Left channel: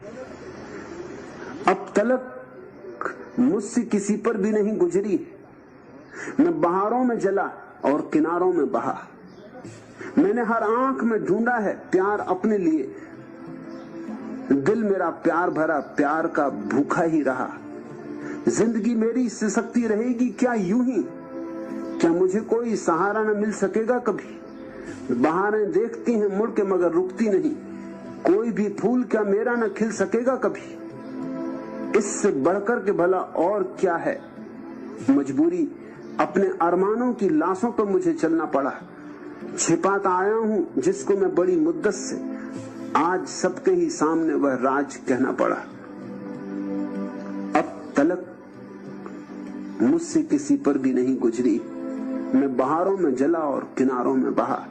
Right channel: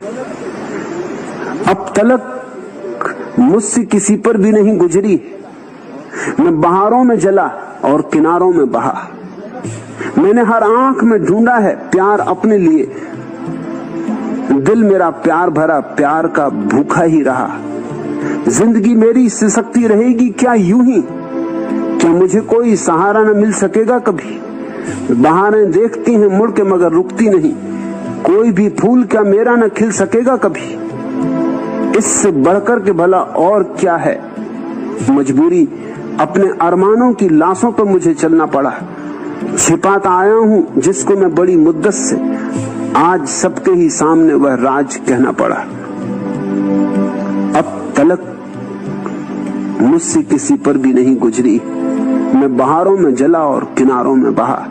अब तलक मुझसे किसी पर भी नहीं गुजरी, मैं बहारों में जला और किनारों में बहा। मैंने हर आंख में ढूंढा है प्यार अपने लिए, दिल मेरा प्यार भरा प्यार का भूखा ही रहा। जिंदगी मेरी सिसकती रहेगी क्या यूं ही, क्या मुझे कोई सहारा न मिल सकेगा कभी। बहारें देखती हैं मुड़ के मगर रुकती नहीं, कोई भी फूल क्या मेरा न खिल सकेगा कभी। इससे बढ़कर के भला और क्या है, मजबूरी अपने अरमानों की लाशों पर मुझे चलना पड़ा। छिपाता आया हूं जिसको मैं बड़ी मुद्दत से, आज सबके ही सामने वह राज कहना पड़ा। अब तलक मुझसे किसी पर भी नहीं गुजरी, मैं बहारों में जला और किनारों में बहा।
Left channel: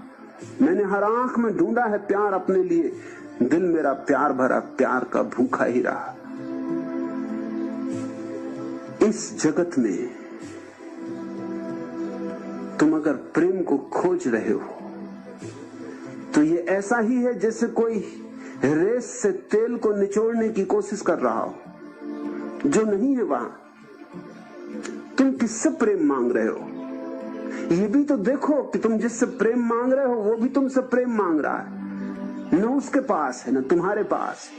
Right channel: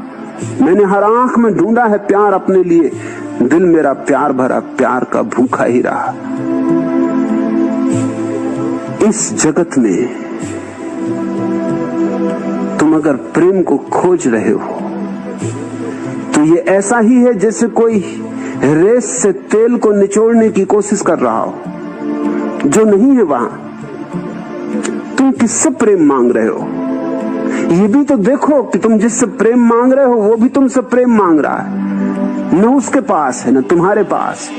मैंने हर आंख में ढूंढा है प्यार अपने लिए, दिल मेरा प्यार भरा प्यार का भूखा ही रहा। इस जगत में तुम अगर प्रेम को खोज रहे हो तो ये ऐसा ही है जैसे कोई रेस से तेल को निचोड़ने की कोशिश कर रहा हो, जो नहीं है वहां। तुम किससे प्रेम मांग रहे हो, ये भी तो देखो कि तुम जिससे प्रेम मांग रहे हो वो भी तुमसे प्रेम मांग रहा है। न उसके पास है न तुम्हारे पास।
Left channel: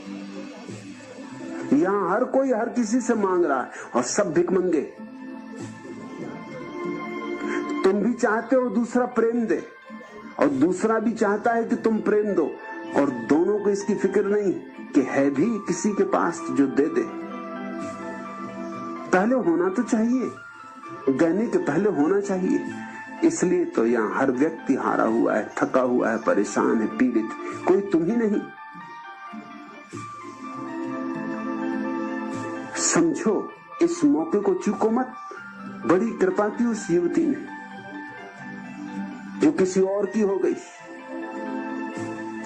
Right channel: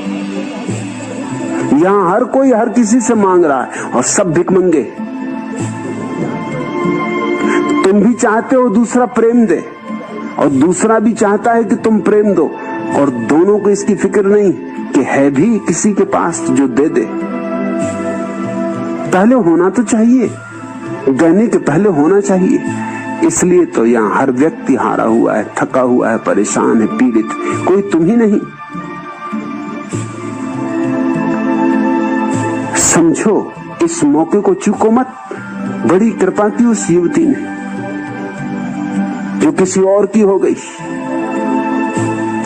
यहां हर कोई हर किसी से मांग रहा है और सब भिखमंगे। तुम भी चाहते हो दूसरा प्रेम दे और दूसरा भी चाहता है कि तुम प्रेम दो, और दोनों को इसकी फिक्र नहीं कि है भी किसी के पास जो दे दे। पहले होना तो चाहिए, देने के पहले होना चाहिए। इसलिए तो यहाँ हर व्यक्ति हारा हुआ है, थका हुआ है, परेशान है, पीड़ित, कोई तुम ही नहीं। समझो, इस मौके को चूको मत। बड़ी कृपा की उस युवती ने जो किसी और की हो गई।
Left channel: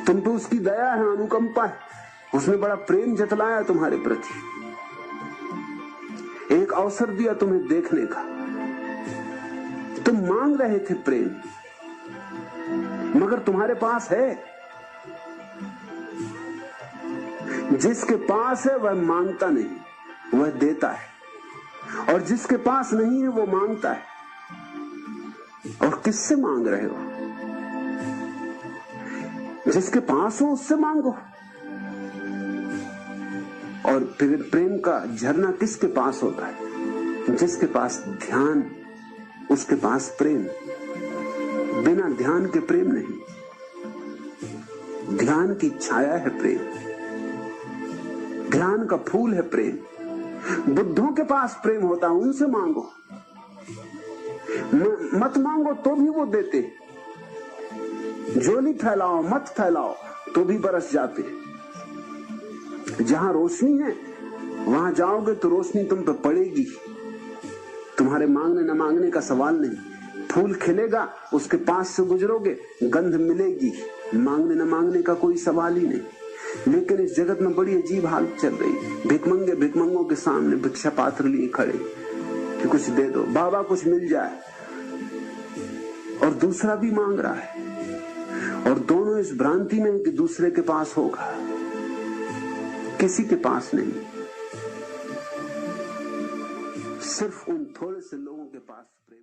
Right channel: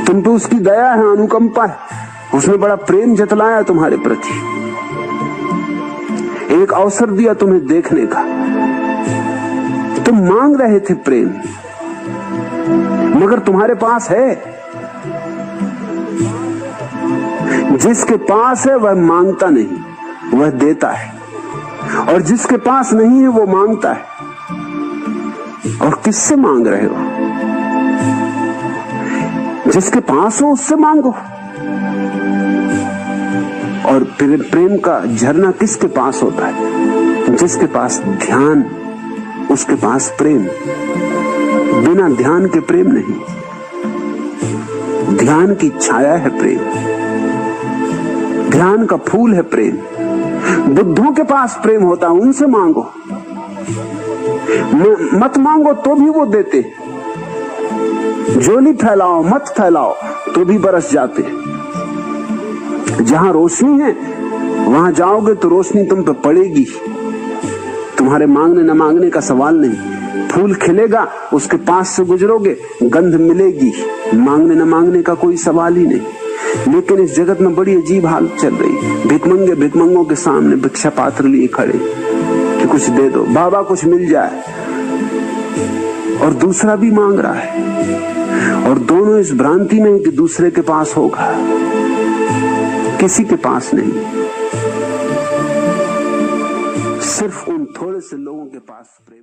तुम पे उसकी दया है, अनुकंपा है, उसने बड़ा प्रेम जतलाया तुम्हारे प्रति, एक अवसर दिया तुम्हें देखने का। तुम मांग रहे थे प्रेम, मगर तुम्हारे पास है। जिसके पास है वह मांगता नहीं, वह देता है, और जिसके पास नहीं है वो मांगता है। और किससे मांग रहे हो? जिसके पास हो उससे मांगो। और फिर प्रेम का झरना किसके पास होता है? जिसके पास ध्यान, उसके पास प्रेम। बिना ध्यान के प्रेम नहीं, ध्यान की छाया है प्रेम, ध्यान का फूल है प्रेम। बुद्धों के पास प्रेम होता है, उनसे मांगो। मत मांगो तो भी वो देते। झोली फैलाओ मत फैलाओ तो भी बरस जाते। जहां रोशनी है वहां जाओगे तो रोशनी तुम पे पड़ेगी। तुम्हारे मांगने न मांगने का सवाल नहीं। फूल खिलेगा, उसके पास से गुजरोगे, गंध मिलेगी। मांगने न मांगने का कोई सवाल ही नहीं। लेकिन इस जगत में बड़ी अजीब हालत चल रही। भिखमंगे भिखमंगों के सामने भिक्षा पात्र लिए खड़े कि कुछ दे दो बाबा, कुछ मिल जाए। और दूसरा भी मांग रहा है, और दोनों इस भ्रांति में कि दूसरे के पास होगा, किसी के पास नहीं। सिर्फ उन थोड़े से लोगों के पास प्रेम।